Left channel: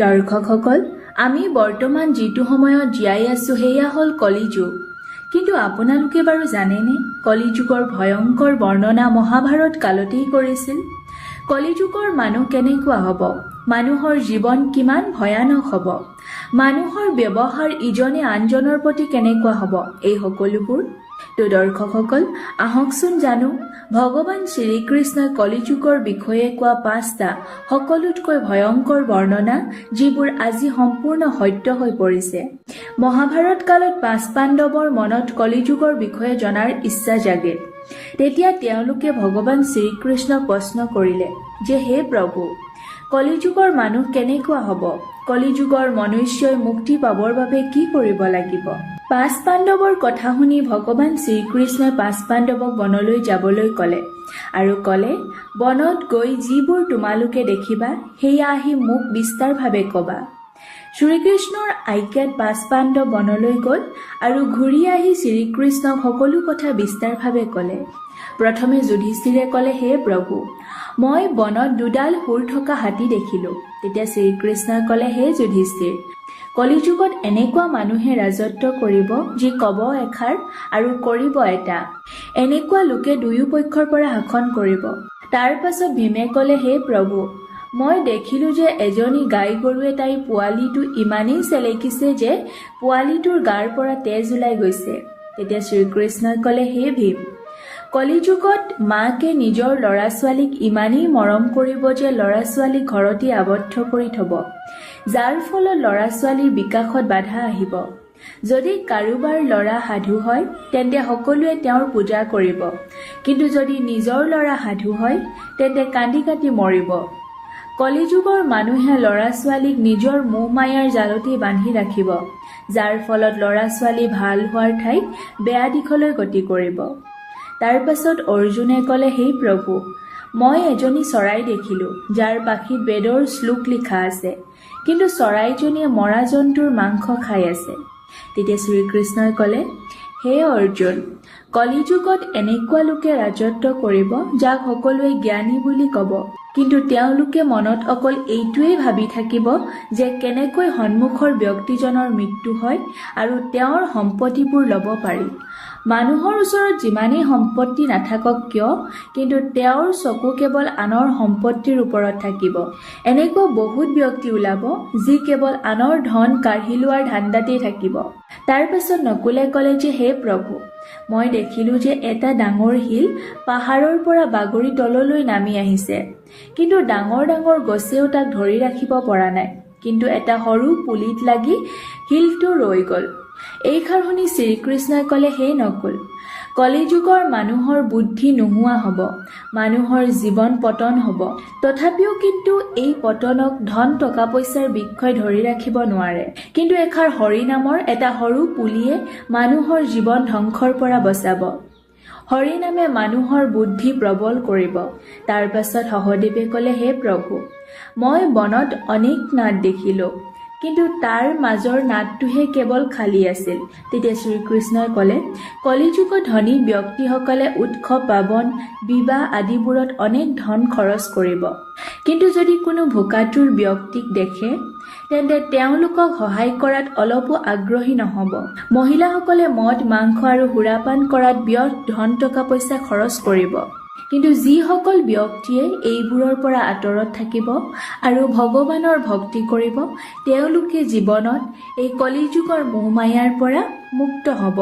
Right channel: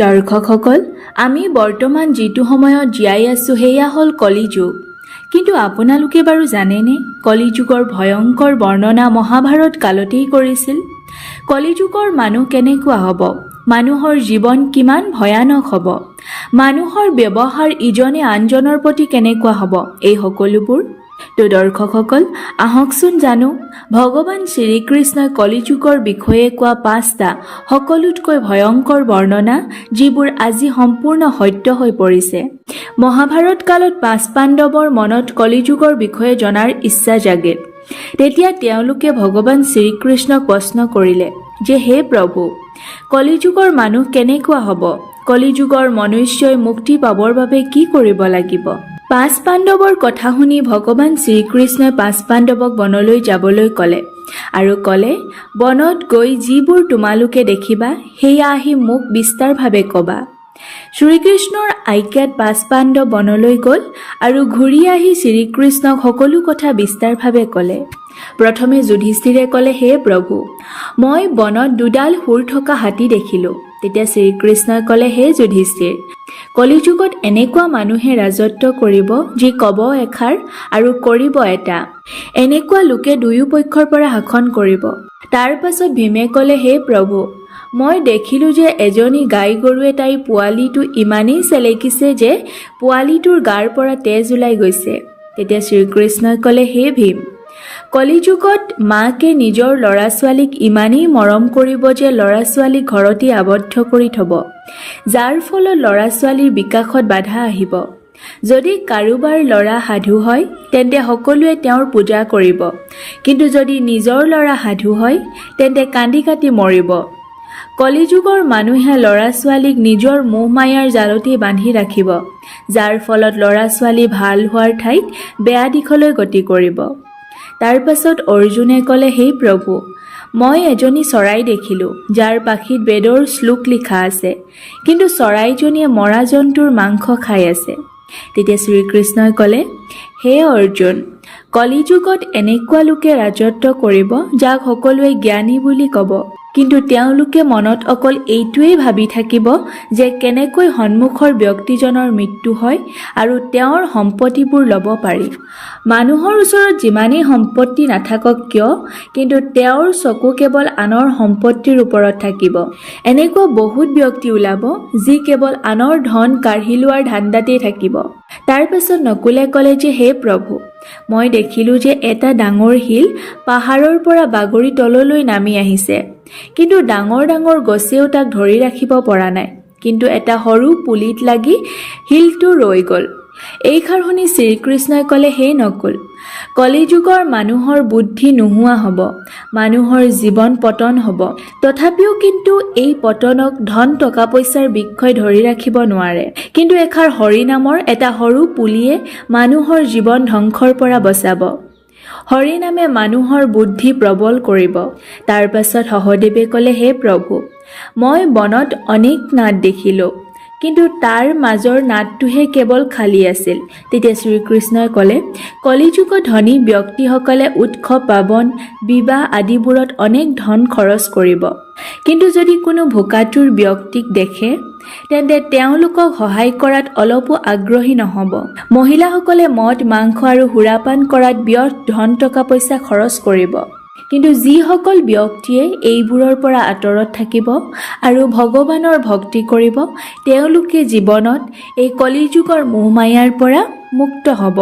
দৰ্শকসকল, আমি বৰ্তমান যিটো সময়ত জীয়াই আছো সেয়া হ'ল কলিযুগ। কিন্তু আপোনালোকে বাৰু জানেনে, কলিযুগৰ ভয়ংকৰ বৰ্ণনা মহাভাৰত কালতেই কৰিছিল। কলিযুগৰ মানুহ কেনেকুৱা হ'ব, মানুহৰ জীৱন কিমান ভয়ানক হ'ব, মানুহৰ ব্যৱহাৰ ইজনে আনজনৰ প্ৰতি কেনেকুৱা হ'ব, এই সকলোবোৰ। তো দৰ্শকসকল, আহকচোন জানো ভগৱান শ্ৰীকৃষ্ণই কলিযুগৰ বিষয়ে কোৱা 5টা সকলোতকৈ ভয়ংকৰ বৰ্ণনা, যিবোৰ আজি সম্পূৰ্ণ সত্য হৈ পৰিছে। মহাভাৰত কালত 5 পাণ্ডৱৰ মনত কলিযুগৰ বিষয়ে জনাৰ ইচ্ছা জাগে। তেতিয়া তেওঁলোকে ভগৱান শ্ৰীকৃষ্ণক প্ৰশ্ন কৰিলে যে, হে প্ৰভু, কলিযুগৰ মানুহ কেনেকুৱা হ'ব? কলিযুগৰ মনুষ্যই মুক্তি পাবৰ বাবে কি কৰিব লাগিব? 5 পাণ্ডৱৰ কথা শুনি ভগৱান শ্ৰীকৃষ্ণই 5 পাণ্ডৱক বনলৈ যাবলৈ ক'লে আৰু ক'লে, বনত গৈ যিবোৰ তোমালোকে দেখিবা সেয়া আহি মোক বিস্তাৰভাৱে ক'বা। শ্ৰীকৃষ্ণৰ আজ্ঞাত 5 পাণ্ডৱ বনলৈ গ'ল আৰু ঘূৰি আহি শ্ৰীকৃষ্ণক সকলো কথা বিস্তাৰভাৱে ক'লে। প্ৰথমে যুধিষ্ঠিৰে ক'লে, হে প্ৰভু, মই বনত 2ডাল শুঁৰ থকা হাতী দেখিলোঁ। তেতিয়া শ্ৰীকৃষ্ণই ক'লে, হে যুধিষ্ঠিৰ, কলিযুগত এনেকুৱা মানুহে ৰাজত্ব কৰিব যি ক'ব এষাৰ আৰু কৰিব এটা। এনেকুৱা লোকে দুয়ো পক্ষৰ পৰা শাসন কৰিব। তাৰ পাছত ভীমে ক'লে, হে প্ৰভু, মই দেখিলোঁ যে এজনী গাই গৰুৱে তাইৰ পোৱালিটো ইমানেই চেলেকিছে যে পোৱালিটোৰ গাৰ পৰা তেজ ওলাই গৈছে। তেতিয়া শ্ৰীকৃষ্ণই ক'লে, হে ভীম, কলিযুগত মাকে নিজৰ ল'ৰা ছোৱালীক ইমানেই মৰম কৰিব যে ল'ৰা ছোৱালীক ঘৰতে আবদ্ধ কৰি থ'ব, যাৰ ফলত ল'ৰা ছোৱালীৰ বিকাশত বাধা আহিব। যদি কাৰোবাৰ ল'ৰা সাধু হয় তেন্তে সকলোৱে তেওঁৰ পূজা কৰিব, কিন্তু যদি নিজৰ ল'ৰা সাধু হয় তেন্তে কান্দি কাটি মৰিব। কলিযুগৰ মানুহে ল'ৰা ছোৱালীক নিজৰ মোহ মায়াৰ জালতে বান্ধি ৰাখিব, যাৰ ফলত ল'ৰা ছোৱালী ভাল হোৱাৰ ঠাইত বেয়া দিশলৈ গতি কৰিব। তাৰ পাছত অৰ্জুনে ক'লে, হে প্ৰভু, মই এজনী চৰাই দেখিলোঁ যাৰ পাখিত বেদৰ শ্লোক লিখা আছে, কিন্তু চৰাইজনীয়ে মৰা জন্তুৰ মাংস খাই আছে। তেতিয়া শ্ৰীকৃষ্ণই ক'লে, হে অৰ্জুন, কলিযুগত এনেকুৱা লোকে ৰাজত্ব কৰিব যাক সকলোৱে জ্ঞানী বুলি ক'ব, কিন্তু তেওঁলোকে মনত অকল এইটোৱেই ভাবি থাকিব যে কেনেকৈ সন্মুখৰ ব্যক্তিজনৰ মৃত্যু হয় আৰু তেওঁৰ সম্পত্তিবোৰ ল'ব পাৰি। মানুহৰ ওচৰত যিমানেই সম্পত্তি নাথাকক কিয়, কিন্তু তেওঁৰ চকু কেৱল আনৰ সম্পত্তিৰ ওপৰত থাকিব। এনেকুৱা বহুত ব্যক্তি ওলাব যি কেৱল আনৰ ধন কাঢ়ি লোৱাৰ ধান্দাতেই থাকিব। তাৰ পাছত নকুলে ক'লে যে, হে প্ৰভু, মই দেখিলোঁ যে এটা ডাঙৰ শিল পাহাৰৰ পৰা বাগৰি তললৈ নামি আহিছে, কিন্তু ডাঙৰ ডাঙৰ গছেও তাক ধৰি ৰাখিব পৰা নাই, কিন্তু এটা সৰু পুলিত লাগি শিলটো ৰৈ গ'ল। এইষাৰ শুনি শ্ৰীকৃষ্ণই ক'লে, হে নকুল, কলিযুগৰ মানুহৰ বুদ্ধি নোহোৱা হ'ব, মানুহৰ জীৱন পতন হ'ব। তথাপিও কিন্তু এই পতনক ধন টকা পইচাৰ বৃক্ষই ধৰি ৰাখিব নোৱাৰে, কিন্তু এষাৰ হৰি নামৰ এটা সৰু পুলিয়ে মানুহৰ জীৱন ধ্বংসৰ পৰা বচাব। হৰি নামে মানুহৰ বুদ্ধি প্ৰবল কৰিব। তাৰ পাছত সহদেৱে ক'লে, হে প্ৰভু, মই বনত অনেক নাদ দেখিলোঁ, কিন্তু তাৰ মাজৰ নাদটোহে কেৱল খালী আছিল। তেতিয়া শ্ৰীকৃষ্ণই ক'লে, কলিযুগত ধনী ব্যক্তিসকলে উৎসৱ পাৰ্বণ বিবাহ আদিবোৰত অনেক ধন খৰচ কৰিব, কিন্তু যদি কোনো ভোকাতুৰ ব্যক্তিক দেখে তেন্তে তেওঁলোকক সহায় কৰাত অলপো আগ্ৰহী নহ'ব। মহিলাসকলে মদ মাংস আৰু সুৰাপান কৰাত ব্যৰ্থ ধন টকা পইচা খৰচ কৰিব, কিন্তু যিসকল ব্যক্তিয়ে এইবোৰৰ পৰা আঁতৰত থাকিব আৰু ভগৱানৰ ভক্তি কৰিব তেওঁলোকে জীৱনত এই কলিযুগৰ মোহ মায়াৰ পৰা মুক্ত হ'ব।